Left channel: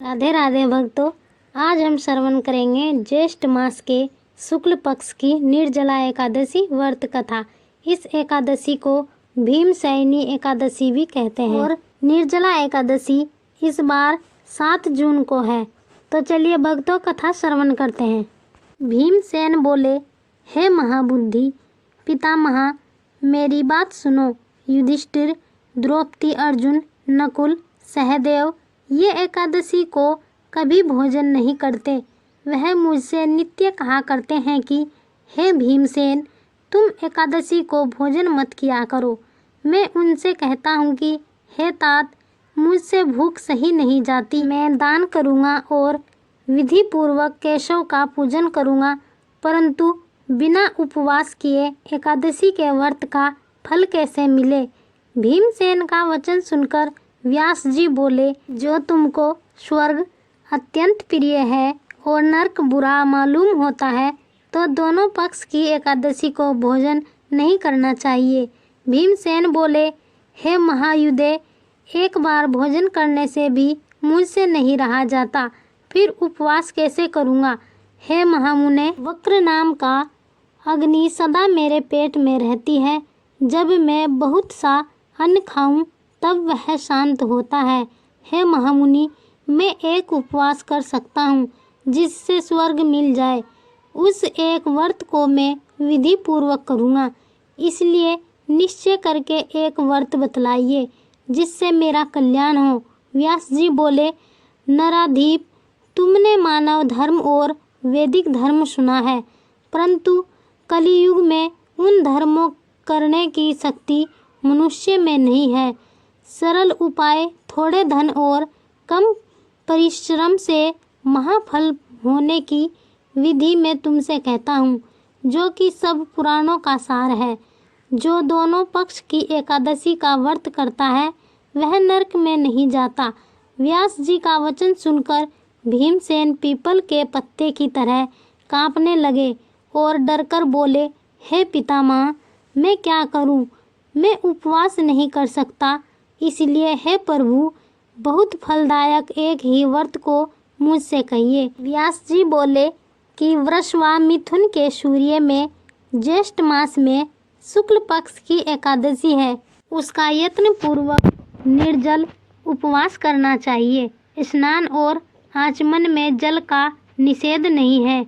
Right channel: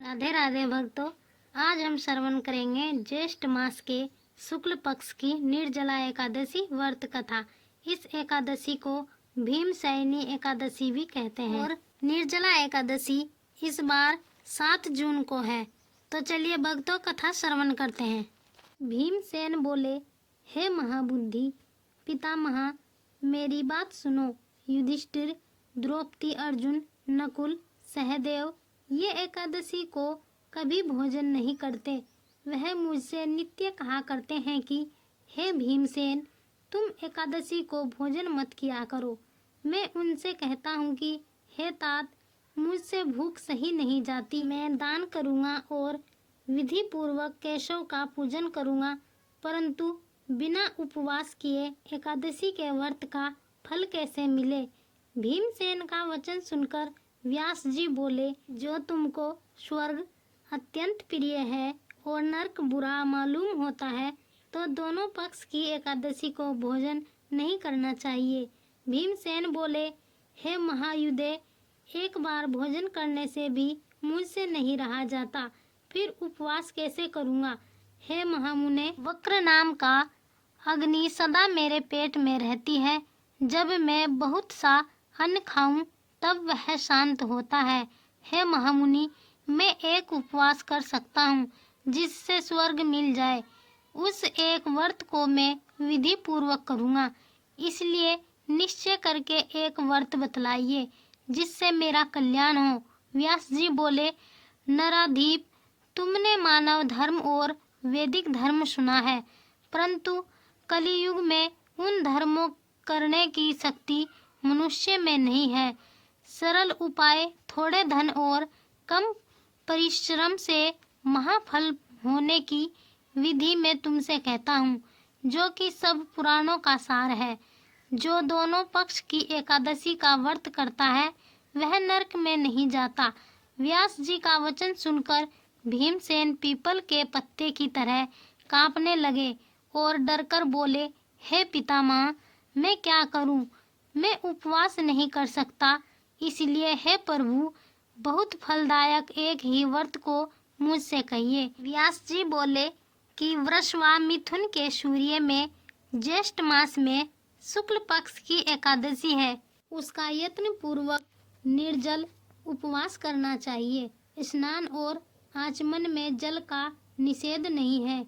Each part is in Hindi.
राधे राधे भक्तों, आज हम श्रवण करेंगे ज्येष्ठ मास के शुक्ल पक्ष की निर्जला एकादशी व्रत कथा। इस एकादशी को भीमसेनी एकादशी भी कहते हैं और निर्जला एकादशी इस बार 7 जून को है। तो चलिए भक्तों, कथा श्रवण करते हैं। भीमसेन बोले, हे महाबुद्धि पितामहा, मेरी बात सुनो। युधिष्ठिर, द्रौपदी, अर्जुन, नकुल, सहदेव ये एकादशी को कभी भोजन नहीं करते। वह मुझसे नित्य कहा करते हैं कि हे भीमसेन, तुम एकादशी को भोजन मत किया करो। मैं उनसे कहता हूँ कि हे तात, मुझसे भूख सही नहीं जाती। मैं दान करूँगा और विधि पूर्वक केशव का पूजन करूँगा, परंतु बिना उपवास किए एकादशी के व्रत का फल कैसे मिले। भीमसेन का वचन सुनकर व्यास जी बोले, जो तुमको स्वर्ग अत्यंत प्रिय है और नरक बुरा मालूम होता है, तो दोनों पक्ष की एकादशी को भोजन नहीं करना चाहिए। भीमसेन बोले, हे महायुधे, एक बार भोजन करने से भी मुझसे नहीं रहा जाता, फिर उपवास कैसे करूँगा। हे महामुने, वक्र नाम का अग्नि सदा मेरे पेट में रहती है। जब मैं बहुत सा अन्न खाऊं तब वह शांत होता है। हे महामुनि, मैं एक उपवास कर सकता हूँ जिससे स्वर्ग मिल जाए। उस एक व्रत को मैं विधि पूर्वक करूँगा, इसलिए निश्चय करके एक व्रत बतलाइए जिससे मेरा कल्याण हो। व्यास जी बोले, नराधीप, तुमने मानव धर्म और वैदिक धर्म सुना है, परंतु कलियुग में उन धर्मों करने की शक्ति मनुष्य में नहीं है। सरल उपाय, थोड़े धन और कम परिश्रम से महाफल होने की विधि मैं तुमसे कहता हूँ, जो कि सब पुराणों का सार है। जो दोनों पक्ष की एकादशी का व्रत करता है वह नरक में नहीं जाता। व्यास जी का वचन सुनकर भीमसेन पीपल के पत्ते की तरह कांपने लगे और डरकर बोले, हे पितामह, मैं क्या करूं? मैं उपवास नहीं कर सकता, इसलिए हे प्रभु, बहुत फलदायक एक ही व्रत को मुझसे कहिए। व्यास जी बोले कि वृष व मिथुन के सूर्य में ज्येष्ठ मास में शुक्ल पक्ष की एकादशी है, उसका यत्न पूर्वक निर्जल उपवास करना चाहिए। स्नान और आचमन में जल का निषेध नहीं है।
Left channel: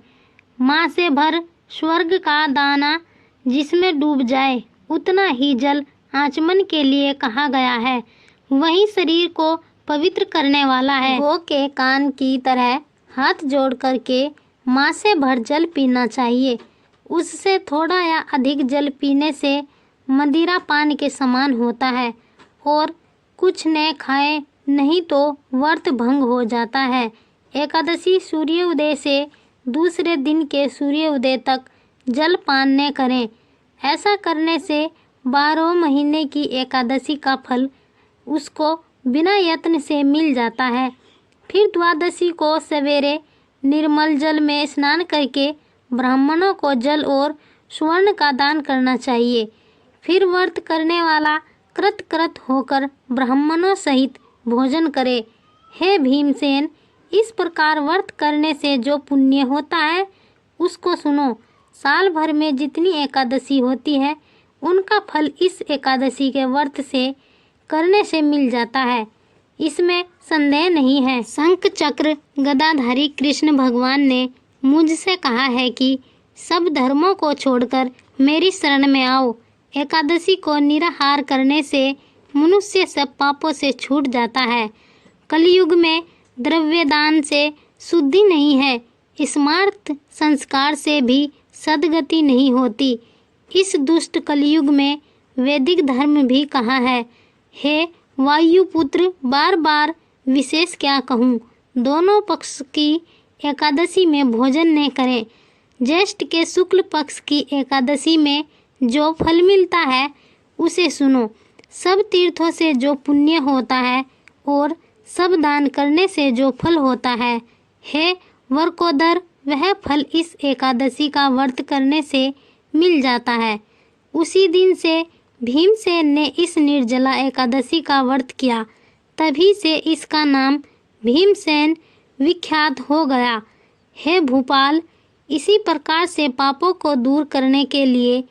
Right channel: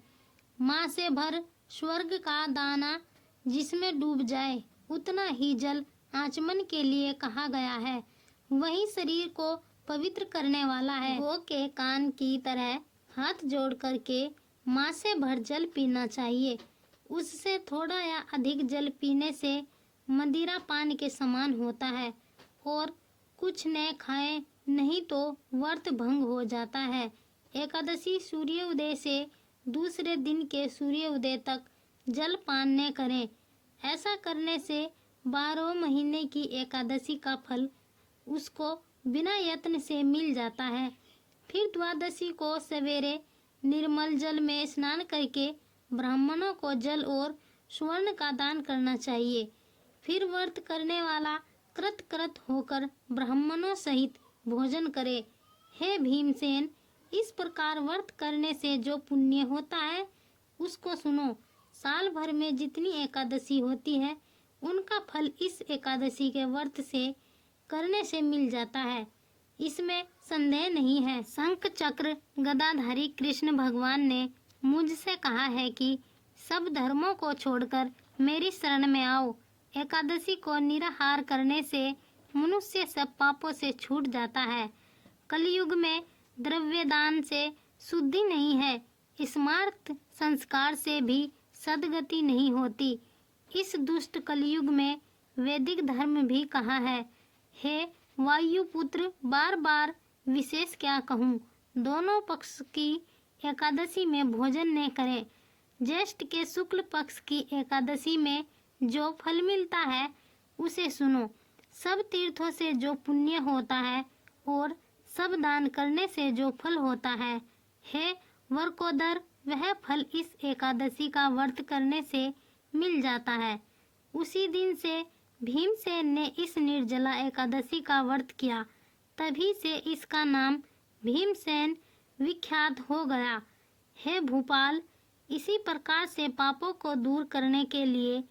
माँ से भर स्वर्ग का दाना जिसमें डूब जाए उतना ही जल आचमन के लिए कहा गया है। वही शरीर को पवित्र करने वाला है। गौ के कान की तरह हाथ जोड़ करके माँ से भर जल पीना चाहिए। उससे थोड़ा या अधिक जल पीने से मदिरा पान के समान होता है और कुछ न खाए नहीं तो व्रत भंग हो जाता है। एकादशी सूर्योदय से दूसरे दिन के सूर्योदय तक जल पान न करें। ऐसा करने से 12 महीने की एकादशी का फल उसको बिना यत्न से मिल जाता है। फिर द्वादशी को सवेरे निर्मल जल में स्नान करके ब्राह्मणों को जल और स्वर्ण का दान करना चाहिए। फिर व्रत करने वाला कृत होकर ब्राह्मणों सहित भोजन करे। हे भीमसेन, इस प्रकार व्रत करने से जो पुण्य होता है उसको सुनो। साल भर में जितनी एकादशी होती है उनका फल इस एकादशी के व्रत से करने से मिल जाता है, इसमें संदेह नहीं है। शंख चक्र गदाधारी कृष्ण भगवान ने मुझसे कहा है कि सब धर्मों को छोड़कर मेरी शरण में आओ। एकादशी को निराहार करने से मनुष्य सब पापों से छूट जाता है। कलयुग में द्रव्य दान से शुद्धि नहीं है, स्मार्त संस्कार से भी सद्गति नहीं होती। इस दुष्ट कलयुग में वैदिक धर्म भी कहा है। हे वायुपुत्र, बार बार विशेष क्या कहूँ, दोनों पक्ष की एकादशी में भोजन न करें। ज्येष्ठ के शुक्ल पक्ष की एकादशी में जो फल मिलता है उसे सुनो। सब तीर्थों से जो पुण्य होता है और सब दान करने से जो फल होता है, हे वरकोदर, वह फल इस एकादशी का व्रत करने से मिल जाता है। उसी दिन से भीमसेन ने इस निर्जला एकादशी का व्रत किया, तभी से इसका नाम भीमसेन विख्यात हो गया। हे भूपाल, इसी प्रकार से पापों को दूर करने के लिए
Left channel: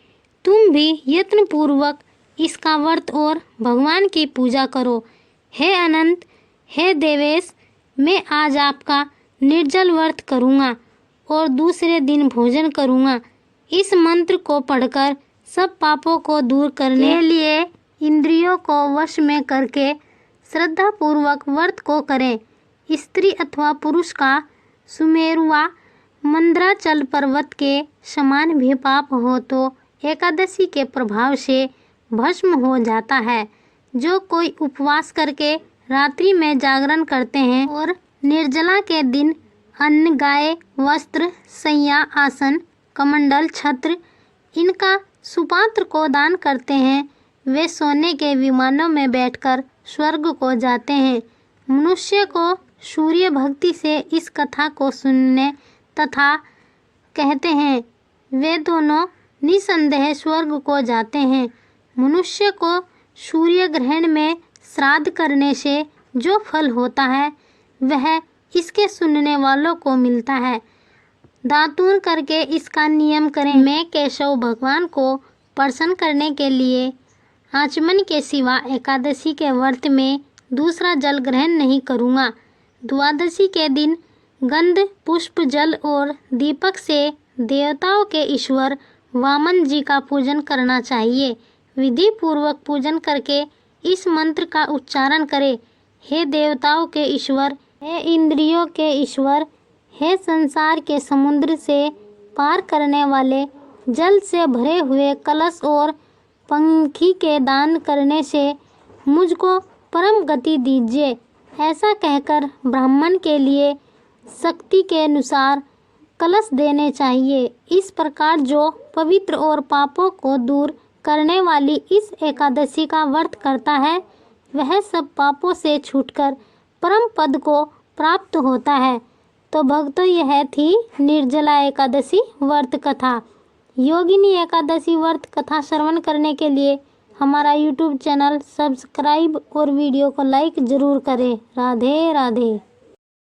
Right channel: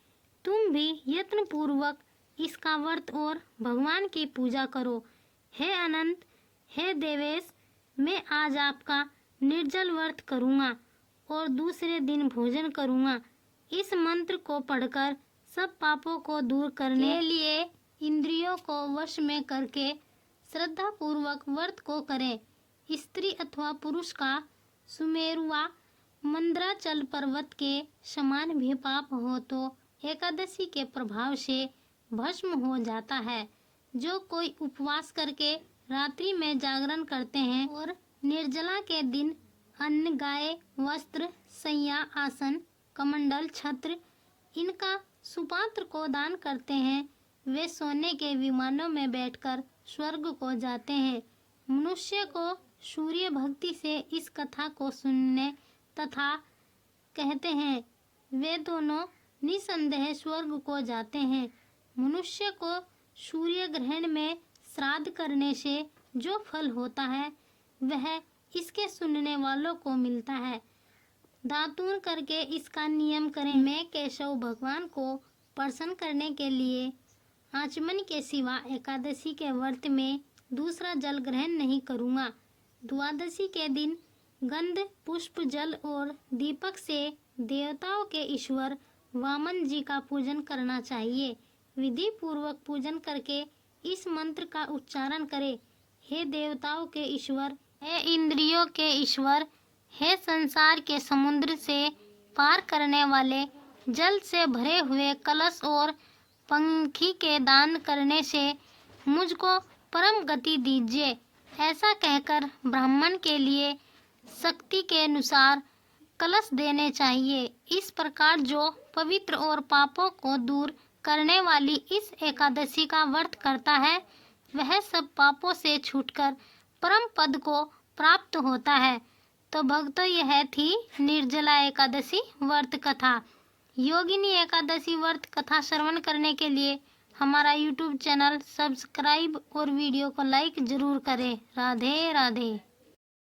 तुम भी यत्न पूर्वक इसका व्रत और भगवान की पूजा करो। हे अनंत, हे देवेश, मैं आज आपका निर्जल व्रत करूँगा और दूसरे दिन भोजन करूँगा। इस मंत्र को पढ़कर सब पापों को दूर करने के लिए इंद्रियों को वश में करके श्रद्धा पूर्वक व्रत को करें। स्त्री अथवा पुरुष का सुमेरुआ मंद्राचल पर्वत के समान भी पाप हो तो एकादशी के प्रभाव से भस्म हो जाता है। जो कोई उपवास करके रात्रि में जागरण करते हैं और निर्जला के दिन अन्न, गाय, वस्त्र, शैया, आसन, कमंडल, छत्र इनका सुपात्र को दान करते हैं, वे सोने के विमानों में बैठकर स्वर्ग को जाते हैं। मनुष्य को सूर्य भक्ति से इस कथा को सुनने तथा कहते हैं, वे दोनों निसंदेह स्वर्ग को जाते हैं। मनुष्य को सूर्य ग्रहण में श्राद्ध करने से जो फल होता है वह इसके सुनने वालों को मिलता है। दातून करके इसका नियम करें। मैं केशव भगवान को प्रसन्न करने के लिए आचमन के सिवा एकादशी के व्रत में दूसरा जल ग्रहण नहीं करूँगा। द्वादशी के दिन गंध, पुष्प, जल और दीपक से देवताओं के ईश्वर वामन जी का पूजन करना चाहिए। विधि पूर्वक पूजन करके इस मंत्र का उच्चारण करें। हे देवताओं के ईश्वर, हे इंद्रियों के ईश्वर, हे संसार के समुद्र से पार करने वाले, जल से भरे हुए कलश और पंखी के दान करने से मुझको परम गति दीजिए। ऐसा कहकर ब्राह्मण के लिए शक्ति के अनुसार कलश देने चाहिए। इस प्रकार जो पवित्र और पापों को दूर करने वाली इस एकादशी का व्रत करता है वह सब पापों से छूटकर परम पद को प्राप्त होता है। तो भक्तों, यह थी निर्जला एकादशी व्रत कथा। योगिनी एकादशी व्रत कथा श्रवण करने के लिए हमारा YouTube चैनल सब्सक्राइब और वीडियो को लाइक जरूर करें। राधे राधे।